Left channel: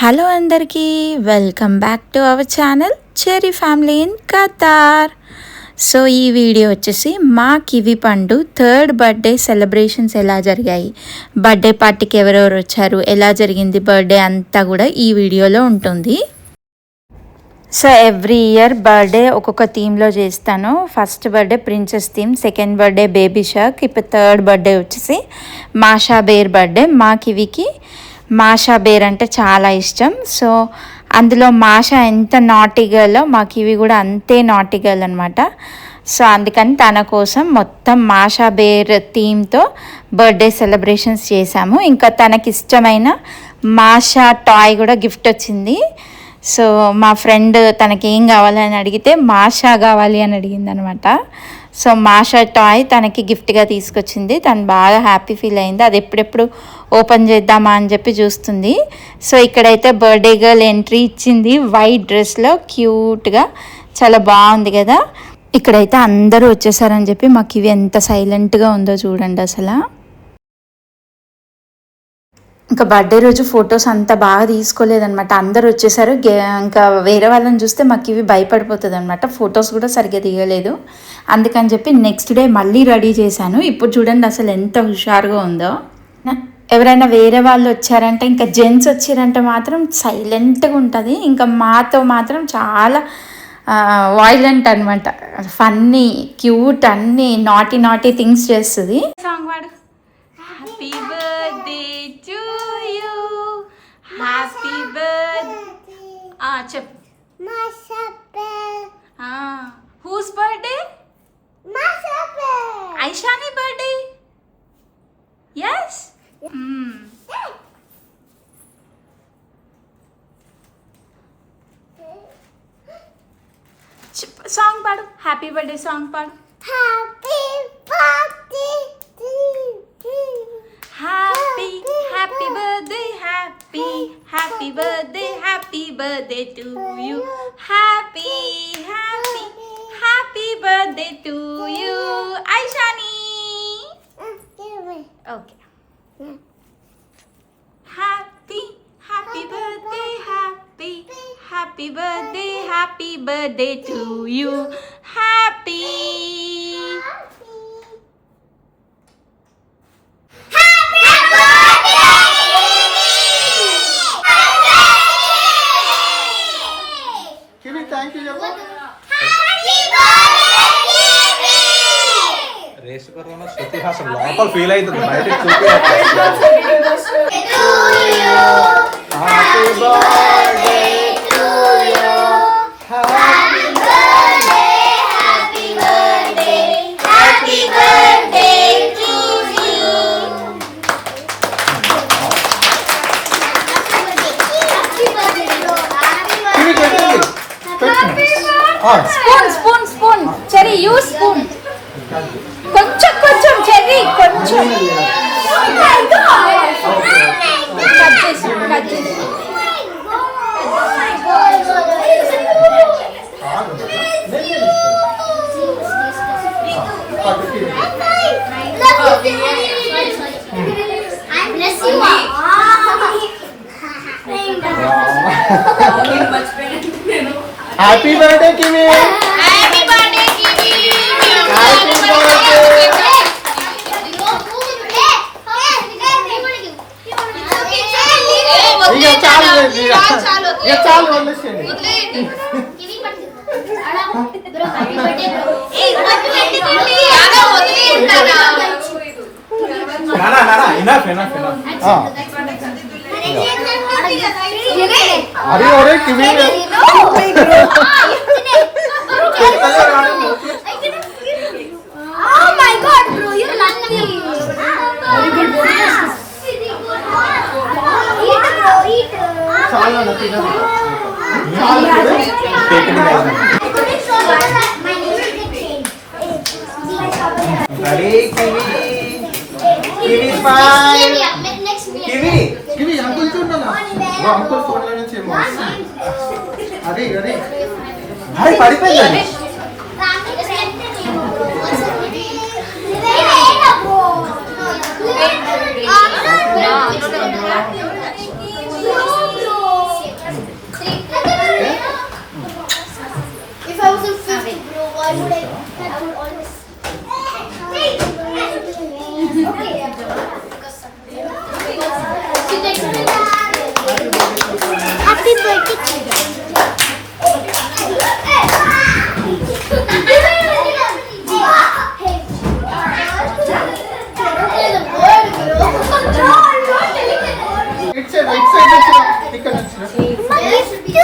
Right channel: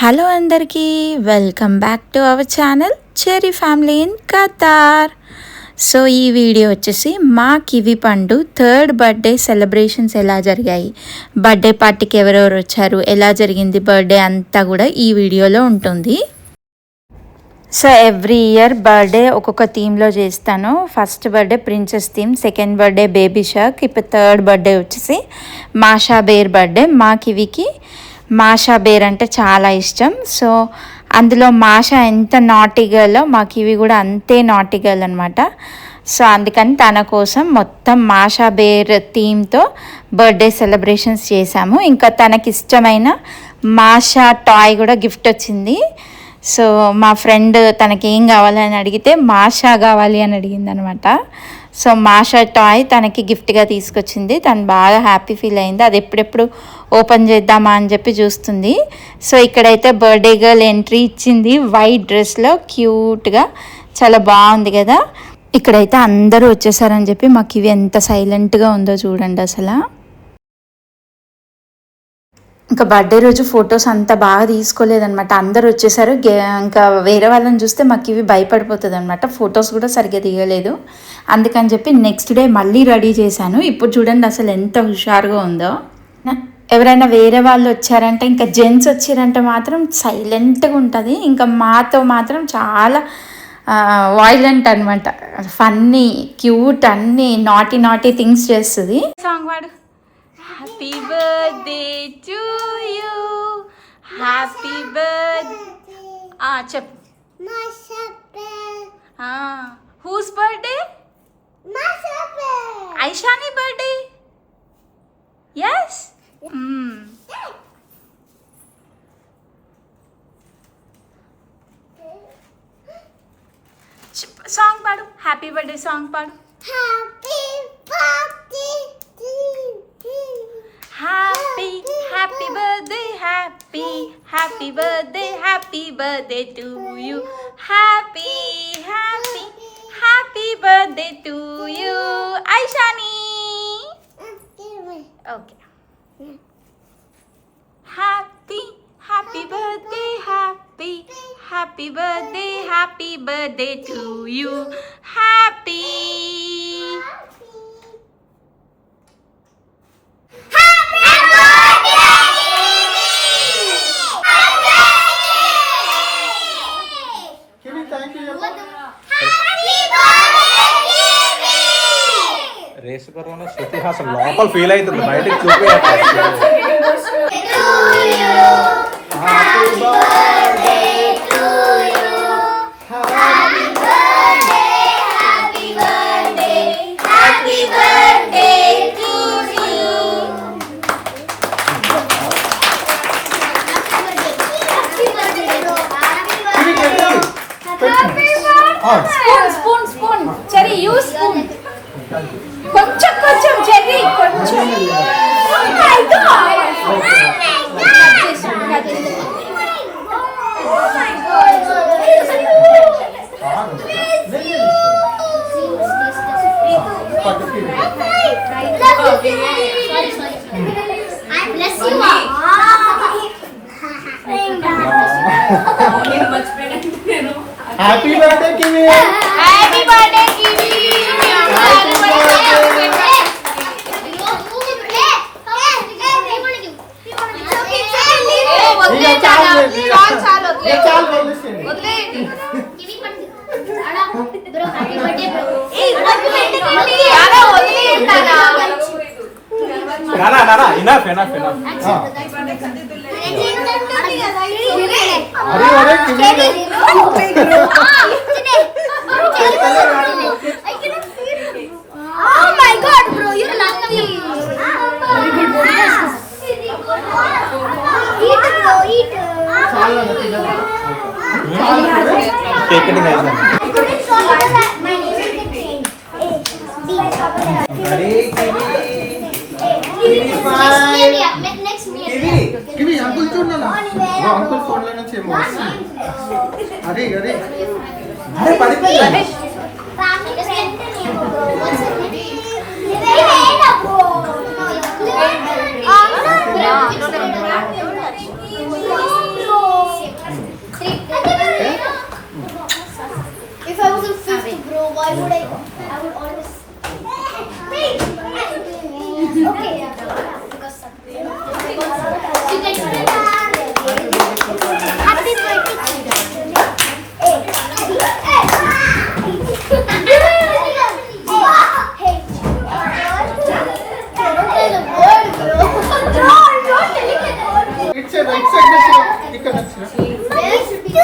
హలో అందరికీ welcome back to our channel cherry family in Qatar. So ఈ వీడియో వచ్చేసి మా కివి పండు థర్డ్ బర్త్డే సెలబ్రేషన్స్ ఎలా జరిగాయి, బర్త్డే పార్టీకి ఎవరెవరు వచ్చారు, ఎలా జరిగింది బర్త్డే అంతా కూడా ఈ వీడియోలో ఉంటుంది. సో ఎవ్రీ ఇయర్ బర్త్డే ఒక్కొక్క థీమ్లో చేస్తాను. First birthday princess theme, second birthday baby shark, ఇప్పుడు థర్డ్ బర్త్డే వచ్చేసి మాషా బేర్ బర్త్డే. మా కివికి మాషా బేర్ అంటే చాలా ఇష్టం. సో అందులో మాషా ఎంత నాటీ గర్లో మా కివి కూడా అంతే నాటీ గర్ల్ అనమాట. సో అందుకని తన కోసం మొత్తం మాషా బేర్ థీమ్తో బర్త్డే సెలబ్రేషన్స్ చేశాము. ఇంకా తనకి ఇష్టమైన మాషా టాయ్ కూడా గిఫ్ట్ వచ్చింది. సో మా ఫ్రెండ్ తనకి ఏం కావాలని అడిగితే మాషా కావాలి అని అడిగింది అనమాట. సో మాషా టాయ్ తనకి గిఫ్ట్గా తీసుకొచ్చింది. తను బాగా హ్యాపీ ఫీల్ అయింది. అది ఎప్పుడెప్పుడు ఓపెన్ చేద్దామా అని చెప్పి చూస్తుంది. సో ఇక్కడైతే బర్త్డే గర్ల్ ఎంట్రీ ఇచ్చింది వైట్ డ్రెస్లో, క్యూట్గా చాలా బాగుంది కదా. ఇక్కడైతే అందరూ వచ్చేసారని చెప్పి మాకు ఇవి ఎంత సైలెంట్గా ఉందో చూడండి అసలు. ఇంకా బర్త్డే రోజు ఫొటోస్ అంత బాగా తీసుకోలేదనమాట. అందరు వచ్చేసారు. ఇంకా వేరే వాళ్ళని చూస్తే మాకు ఇవి భయపడిపోతుంది అనమాట. ఫొటోస్ కూడా సరిగ్గా దిగలేదు. అందుకని చెప్పి నెక్స్ట్ డే మళ్ళీ రెడీ చేశాను. ఇప్పుడు చూడండి అసలు ఎంత హుషారుగా ఉందో. ఎవరైనా వేరే వాళ్ళు వచ్చారంటే, ఇంకా జెంట్స్ వచ్చారంటే మాత్రం సైలెంట్గా ఉంటుంది. ఇంకా మాతో మాత్రం చాలా వాయిలెంట్ అనమాట. ఫన్నీ, క్యూట్, అన్నీ నాటీ థింగ్స్ చేస్తుంది. సాంగ్ వాడు. Happy birthday to you, happy birthday. చెప్. Whose birthday? Aishani birthday. Yes. Song పాడు, హ్యాపీ బర్త్డే సాంగ్ పాడు. Happy birthday, happy birthday, happy birthday, happy birthday to you, happy birthday to you Aishani. Okay. Happy birthday, happy birthday to you, happy. Feel అవుతుంది. కొంచెం చెర్రీ, కొంచెం. Oh my God! Oh my God! Bless you. Happy birthday kiwi. Happy birthday, Kiwi. Oh my God, bro, you're lucky. Eat, bro, eat. Kiwi uncle చూడాలా? Uncle phone లో నుంచి ఏమో వస్తుంది. అరే పడిపోయింది. ఇక్కడ వచ్చిరా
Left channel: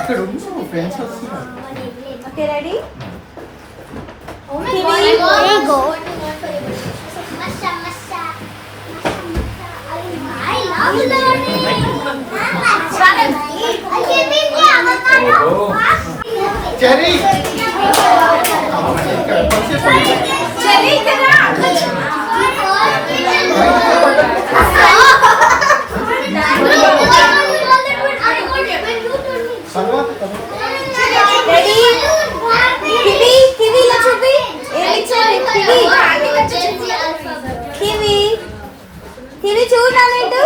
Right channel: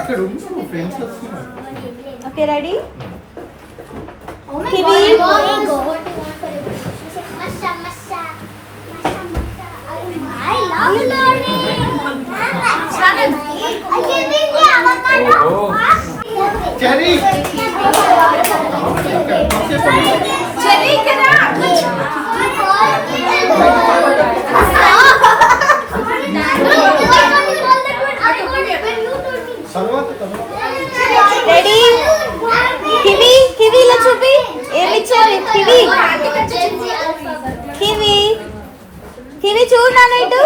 ఇక్కడ ఫ్రెండ్స్ వస్తున్నారు. Okay, ready? Oh my Kiwi, God. there you go. I love learning. Cherry Cherry, kena. Ready? Kiwi, kiwi lo chupi. Kiwi. Kiwi. Kiwi చూడు నీటు.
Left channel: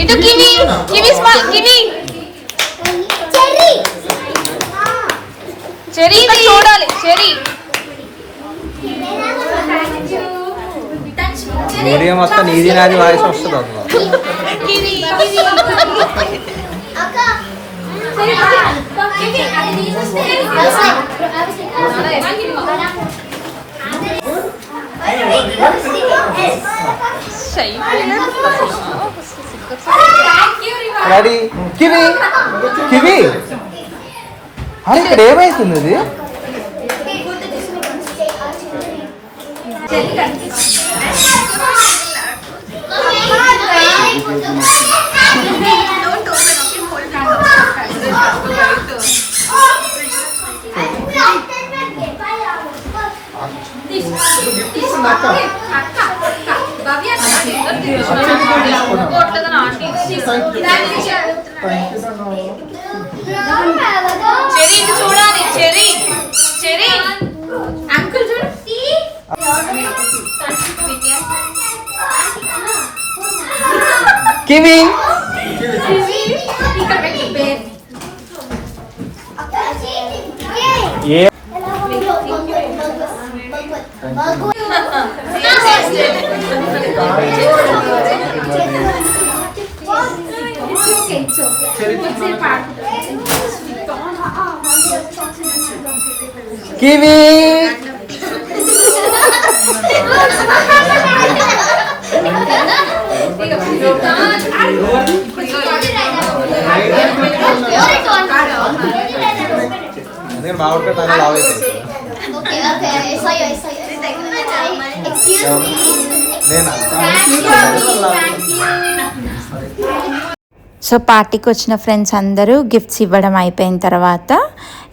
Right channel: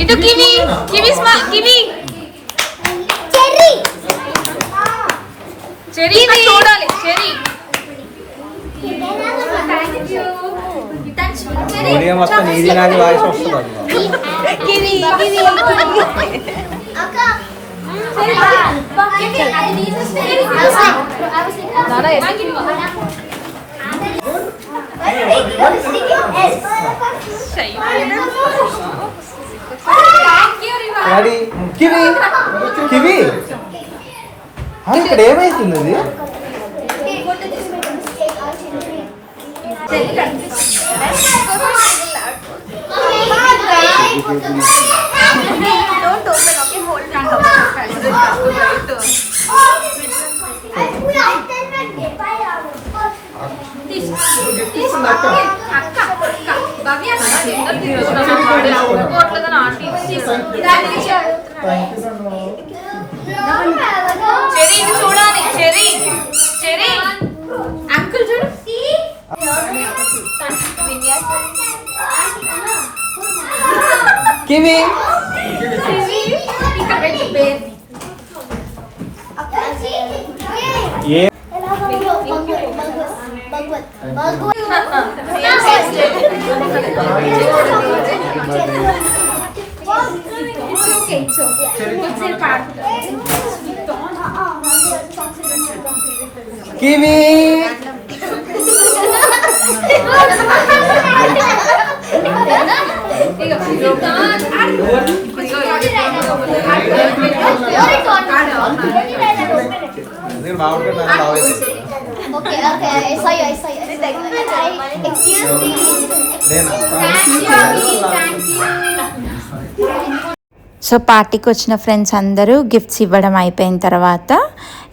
ఇటు kiwi kiwi small kiwi cherry ఇక్కడ చూడాలి చెరీ వీడియో మొత్తం నీది నాది వాయిస్ వస్తుంది. డాడీ కివి కివి అరే ఇక్కడ ఏమైతుంది ఇది? చెరీ ఇటు చూడాలి చెరీ చెరీ అంకుల్ చూడు కివి ఇక్కడ పెట్టు పేరు ఏ కివి సో పార్టీకి వచ్చిన ఫ్రెండ్స్ అందరూ గిఫ్ట్స్ ఇవ్వడం అయిపోయిన తర్వాత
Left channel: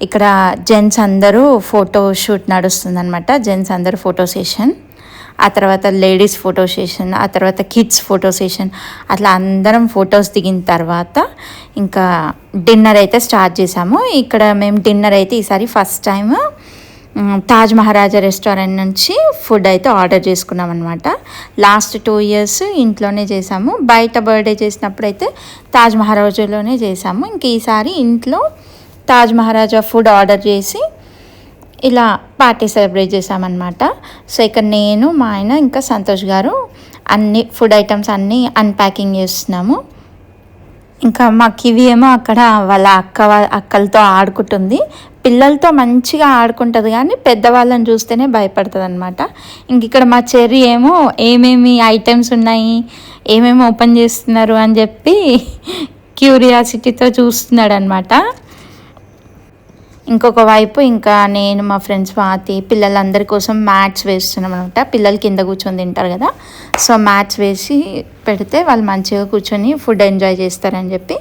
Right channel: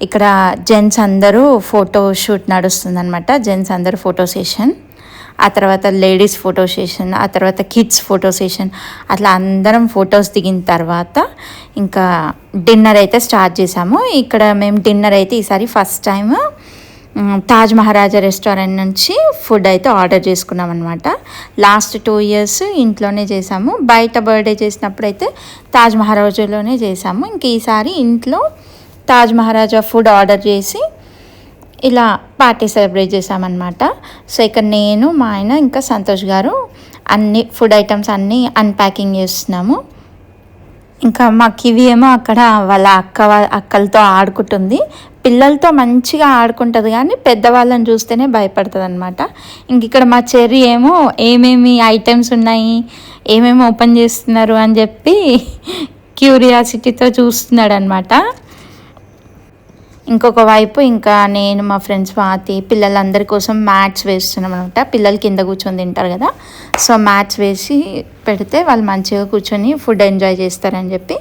ఇక్కడ జెంట్స్ అందరూ ఫోటో షూట్ నడుస్తుందన్నమాట. జెంట్స్ అందరూ ఫోటో సెషన్, ఆ తర్వాత లేడీస్ ఫోటో సెషన్, ఆ తర్వాత కిడ్స్ ఫోటో సెషన్, అట్లా అందరం ఫొటోస్ దిగిన తర్వాత ఇంకా డిన్నర్ అయితే స్టార్ట్ చేసాము. ఇక్కడ మేము డిన్నర్ అయితే ఈసారి ఫస్ట్ టైం తాజ్ మహారాజా రెస్టారెంట్ నుంచి ఫుడ్ అయితే ఆర్డర్ చేసుకున్నాం అనమాట. లాస్ట్ 2 years ఇంట్లోనే చేసాము. బయట బర్త్డే చేసినప్పుడు అయితే తాజ్ మహారాజాలోనే చేసాము. ఇంక ఈసారి ఇంట్లో తాజ్ మహారాజా ఫుడ్ ఆర్డర్ చేసి ఇలా పార్టీ సెలబ్రేట్ చేసామన్నమాట. సో ఇక్కడ నేను మా ఆయన ఇంకా సంతోష్ గారు అన్ని ఫుడ్ ఐటమ్స్ అన్నీ అన్ప్యాకింగ్ చేస్తున్నాము. ఇంకా మా కివి ఏమో అక్కడ వాళ్ళ అక్కలతో ఆడుకుంటుంది. పిల్లలతో మంచిగా ఆడుకుంటుంది కానీ పెద్దవాళ్ళని చూస్తేనే భయపడుతుంది అనమాట. ఇంక ఇక్కడ మా చెర్రీ ఏమో ఏమేమి ఐటమ్స్ ఉన్నాయి, ఏమేమి ఓపెన్ చేస్తున్నారు అని చెప్పి క్యూరియాసిటీతో చూస్తున్నాడు అనమాట. ఇంకొక వైపు ఇంకా నేను మా ఫ్రెండ్స్ స్వాతి పిల్లలందరి కోసం మ్యాట్స్ వేస్తున్నాం అనమాట. పిల్లలు కింద కూర్చొని తింటారు కదా, సో మ్యాట్స్ వేసి పెడితే వాళ్ళు మంచిగా కూర్చొని ఫుడ్ ఎంజాయ్ చేస్తారని చెప్పి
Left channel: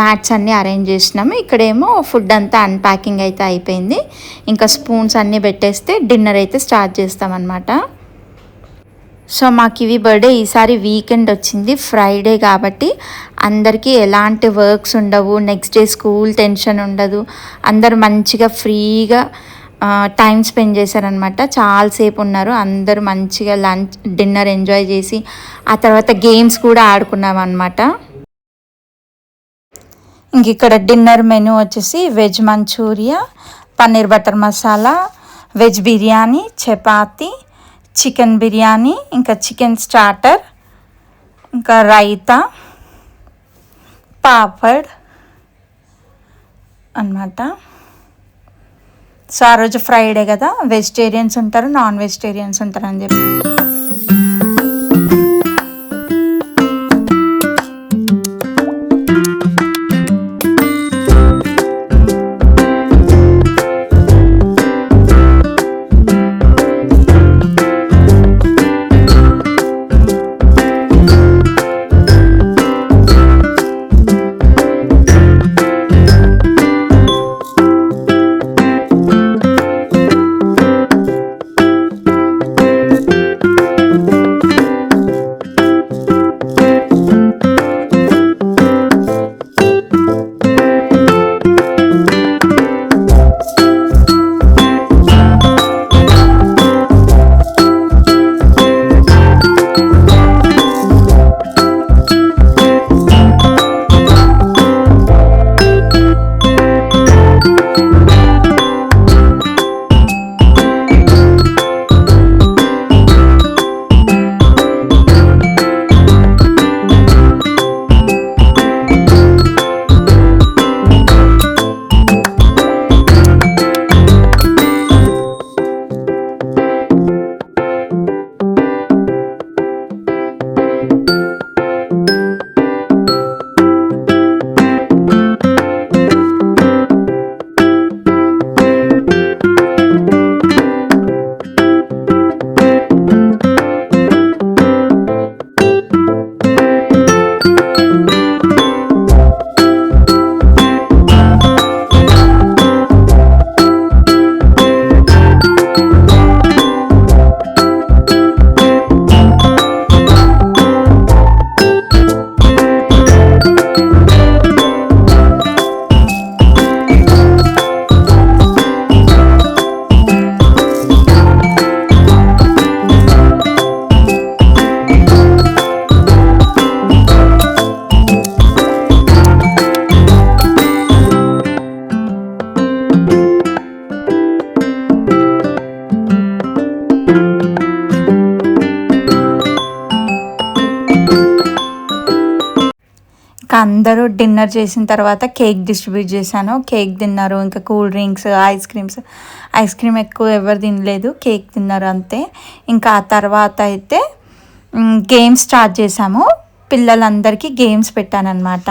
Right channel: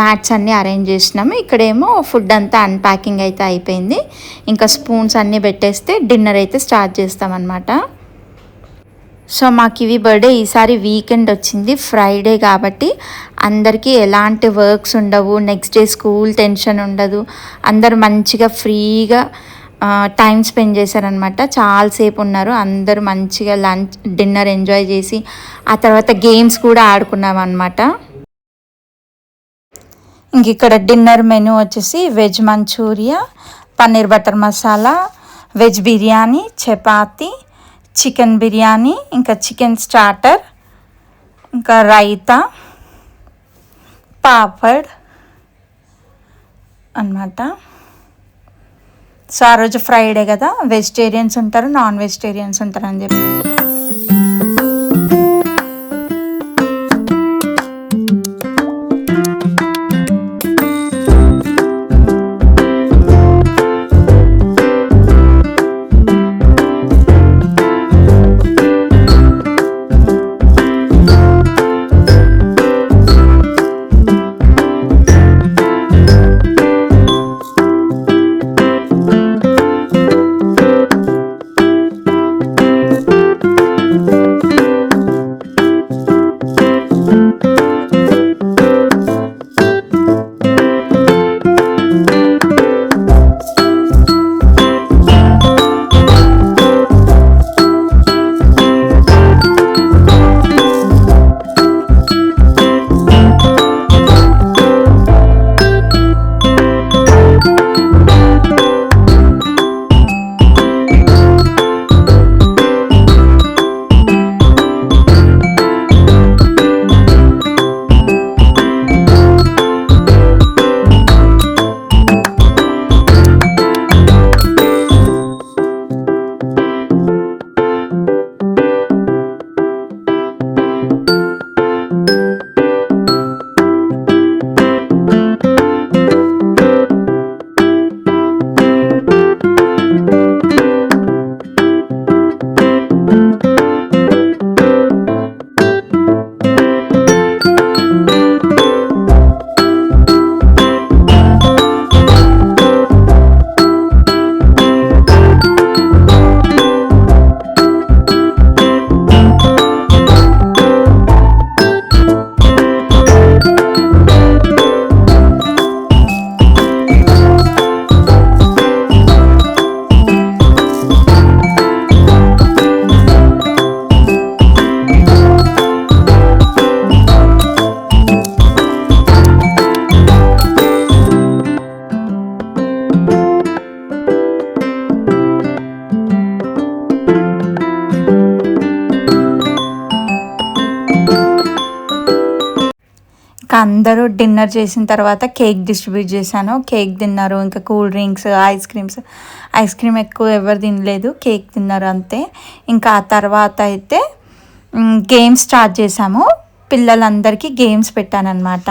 మ్యాట్స్ అన్నీ అరేంజ్ చేసినాము. ఇక్కడేమో ఫుడ్ అంతా అన్ప్యాకింగ్ అయితే అయిపోయింది. ఇంకా స్పూన్స్ అన్నీ పెట్టేస్తే డిన్నర్ అయితే స్టార్ట్ చేస్తామన్నమాట. సో మాకు ఇవి బర్త్డే ఈసారి వీకెండ్ వచ్చింది, ఫ్రైడే కాబట్టి అందరికీ ఎలాంటి వర్క్స్ ఉండవు. నెక్స్ట్ డే స్కూల్ టెన్షన్ ఉండదు. అందరూ మంచిగా ఫ్రీగా టైం స్పెండ్ చేశారనమాట. చాలాసేపు ఉన్నారు. అందరూ మంచిగా లంచ్ డిన్నర్ ఎంజాయ్ చేసి ఆ తర్వాత గేమ్స్ కూడా ఆడుకున్నాం అనమాట. ఇంక ఇక్కడ డిన్నర్ మెనూ వచ్చేసి veg manchurian, paneer butter masala, veg biryani, chapati, chicken biryani, ఇంకా చికెన్ స్టార్టర్, ఇంకా రైతా, పాపడ్ అన్నమాట. సో ఆ రోజు ఫ్రైడే కదా, వెజిటేరియన్స్ ఉంటారు, నాన్ వెజిటేరియన్స్ ఉంటారు అని చెప్పి. అందరూ డిన్నర్ చేసిన తర్వాత కేక్ డిస్ట్రిబ్యూట్ చేశాను. కేక్ తిన్నారు, ఇంకా కూల్ డ్రింక్స్, ఐస్ క్రీమ్ ఎక్కువ ఎవరు తినలేదు, కేక్ తిన్నారు అంతే. ఇంకా ఆ తర్వాత అయితే గేమ్స్ స్టార్ట్ చేసాము. పిల్లలందరికీ గేమ్స్ పెట్టానన్నమాట.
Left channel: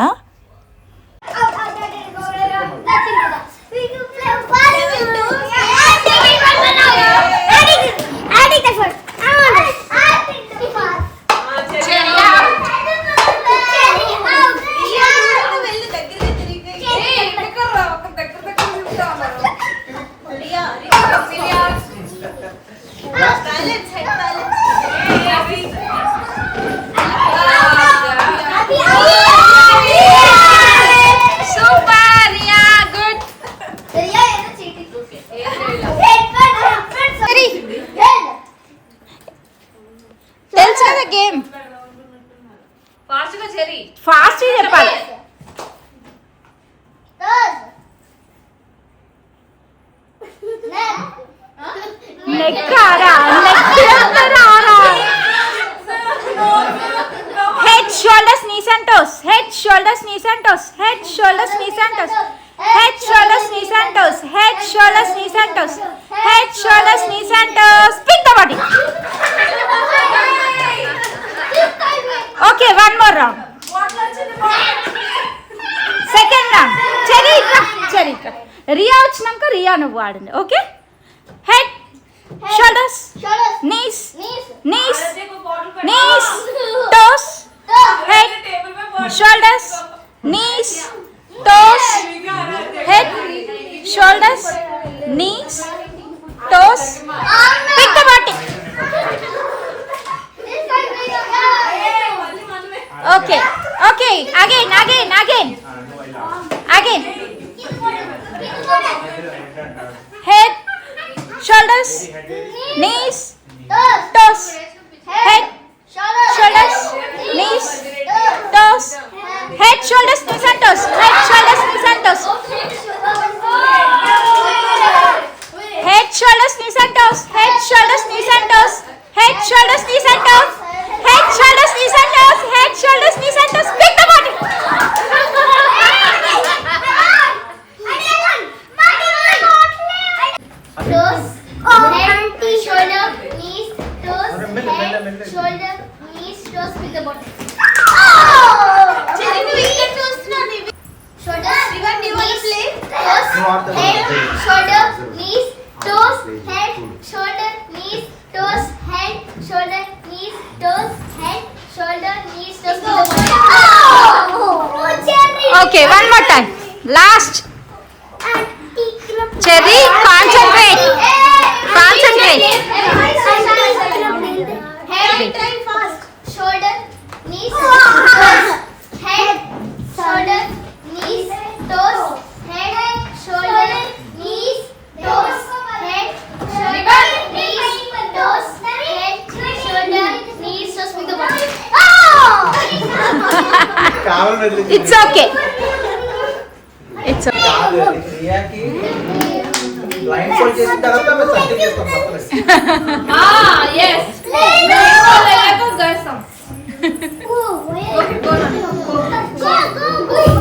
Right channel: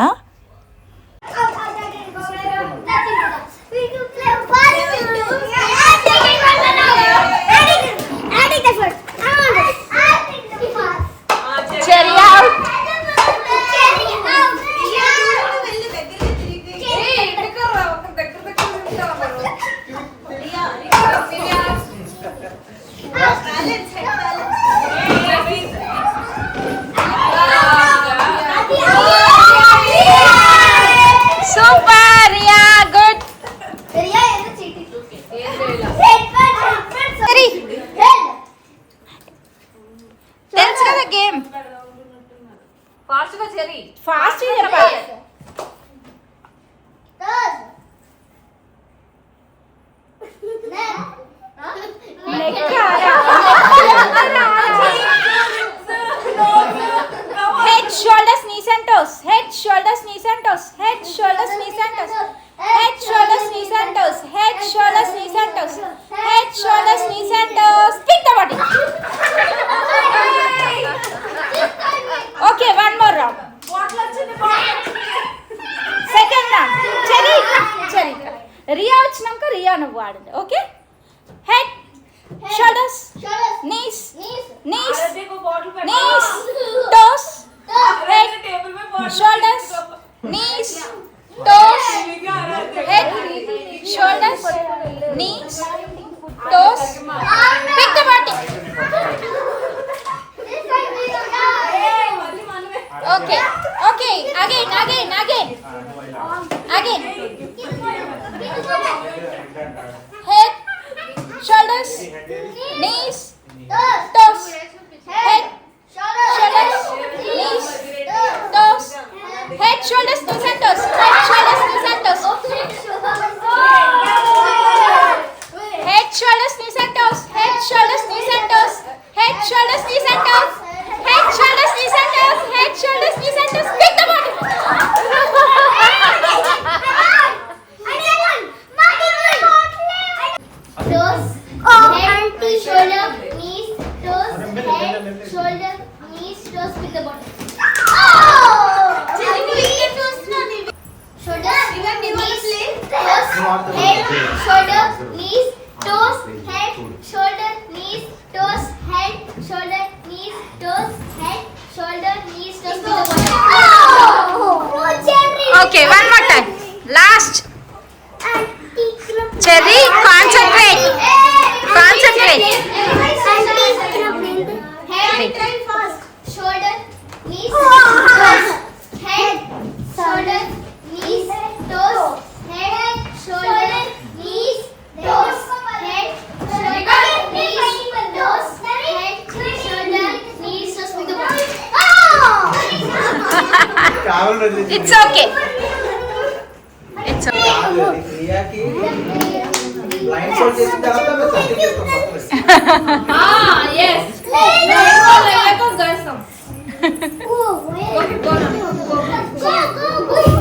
తెలుసు కదా గేమ్, ఫాస్ట్ చెప్పాలి. Head, shoulders, knees and toes. Head, shoulders, knees and toes. Head, shoulders, knees and toes. Head, shoulders, knees and toes. Head, shoulders, knees and toes. Head, shoulders, knees and toes. Spin the body. Okay, one more round. Second round. Cherry. Riya వచ్చినాక రియా నువ్వు ఆడండి. Okay, head, shoulders, knees, toes, head, shoulders, knees, toes, head, shoulders, knees, toes. Pick the body. Okay. Again. Head, shoulders, knees, toes. Head, shoulders, knees, toes. Head, shoulders, knees and toes. Head, shoulders, knees and toes. Head, shoulders, knees and toes. Head, shoulders, knees and toes. Head, shoulders, knees and toes. Head, shoulders, knees and toes. Head, shoulders, knees and toes. Pick the body. Okay one more time last cherry concentrate Shoulder, knees, toes. Head, shoulder, knees, toes. Head, shoulder, knees, toes. Head, shoulder, knees, toes. Head, shoulder, knees, toes. With the body. It's okay క్రియాకి blindfold చేసిన తర్వాత మేము సర్టిఫికేట్ చేస్తాం మొత్తం. Yes.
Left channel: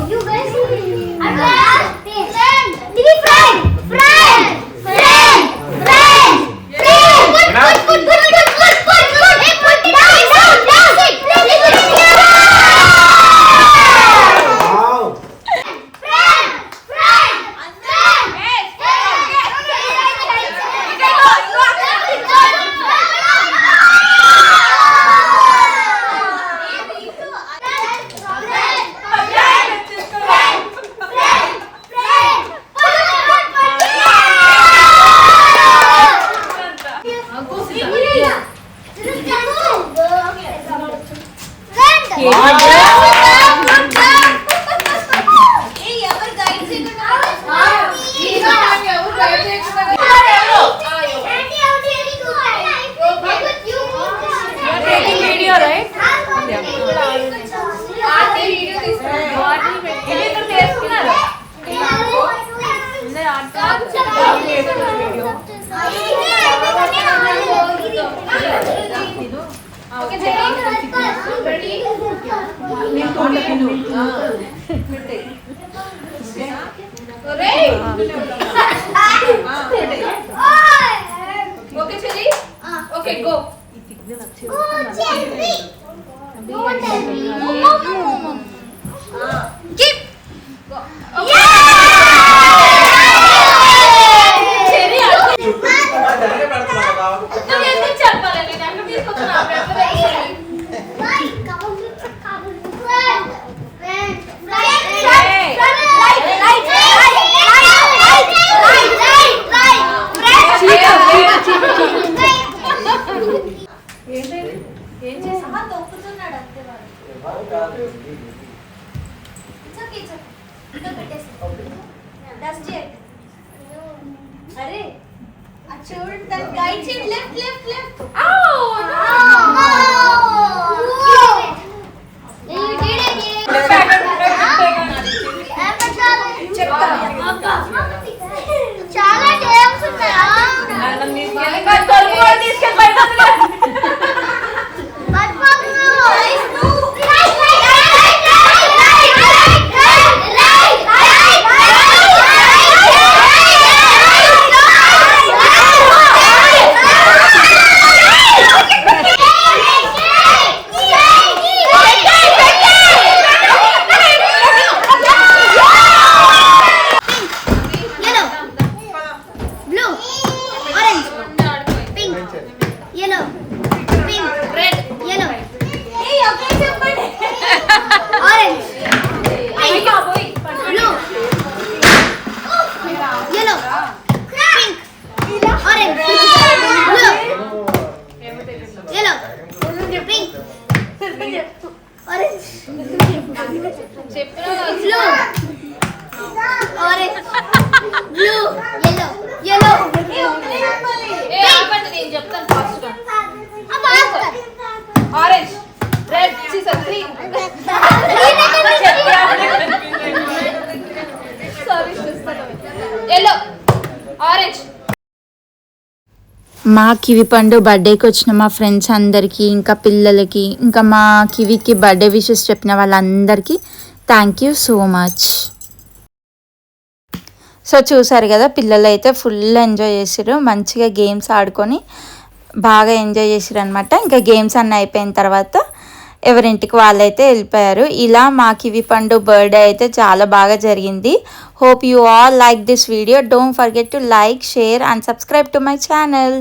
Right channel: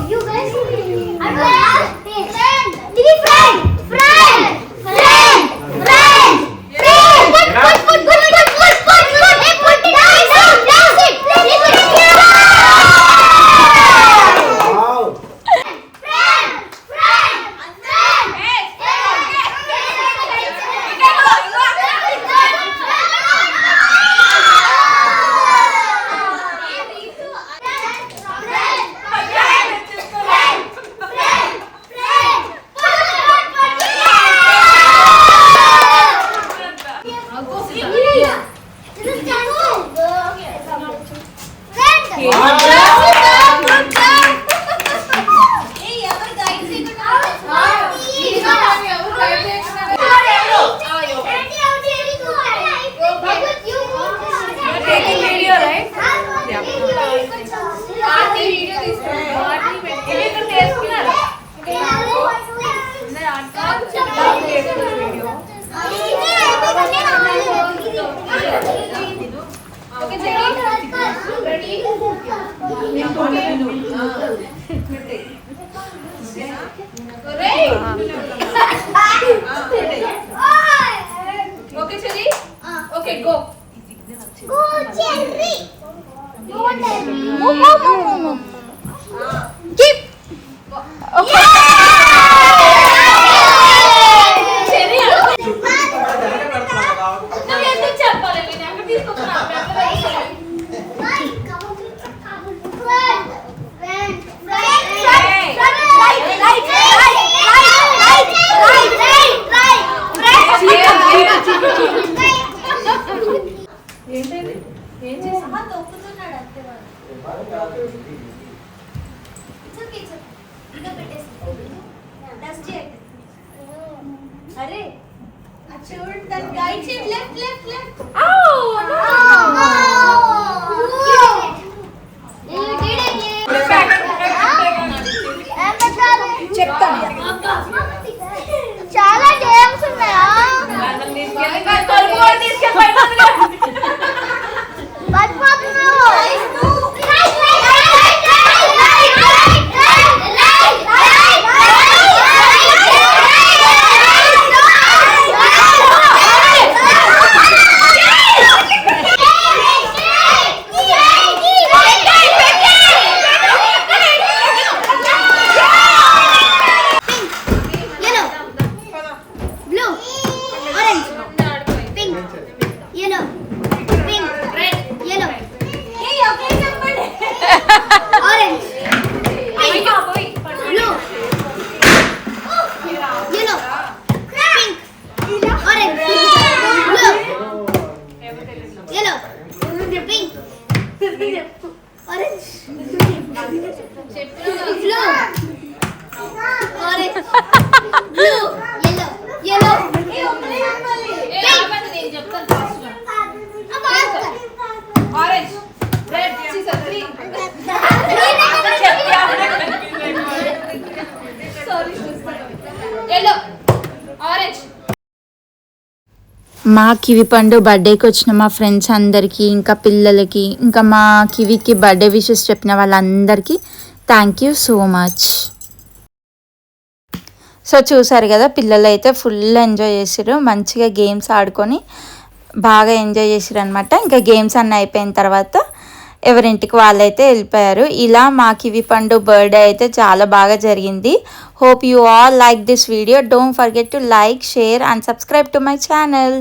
You guys. Okay, Chili? Okay, go. Go, Jerry. Go, Jerry. Keep. अरे Shoot that right side, left. You did it. చాలా dance Orange, red, scissors, green. Sorry, sister. Yellow, orange. మా కివి పండు బర్త్డేకి వచ్చిన మా ఫ్రెండ్స్ అందరికీ ఇంకా పిల్లలకి ఇంకా మా కివికి బర్త్డే విషెస్ చెప్పిన వాళ్ళందరికీ thank you so much. So చూసారు కదా, పిల్లలు అయితే ఫుల్ ఎంజాయ్ చేసారు, మంచిగా గేమ్స్ ఆడుకొని బాగా ఎంజాయ్ చేసారు అనమాట. ఇంకా గేమ్స్ అన్నీ అయిపోయిన తర్వాత ఎవరింటికి వాళ్ళైతే వెళ్ళిపోయారు. ఇలా మా కివి పండు బర్త్డే అయితే చాలా బాగా జరిగింది. Hope you all like this video. Don't forget to like, share and subscribe to my channel.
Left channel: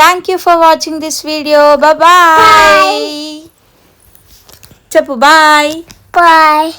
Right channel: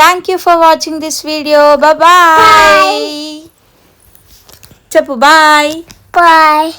Thank you for watching this video. Bye చెప్పు. బాయ్.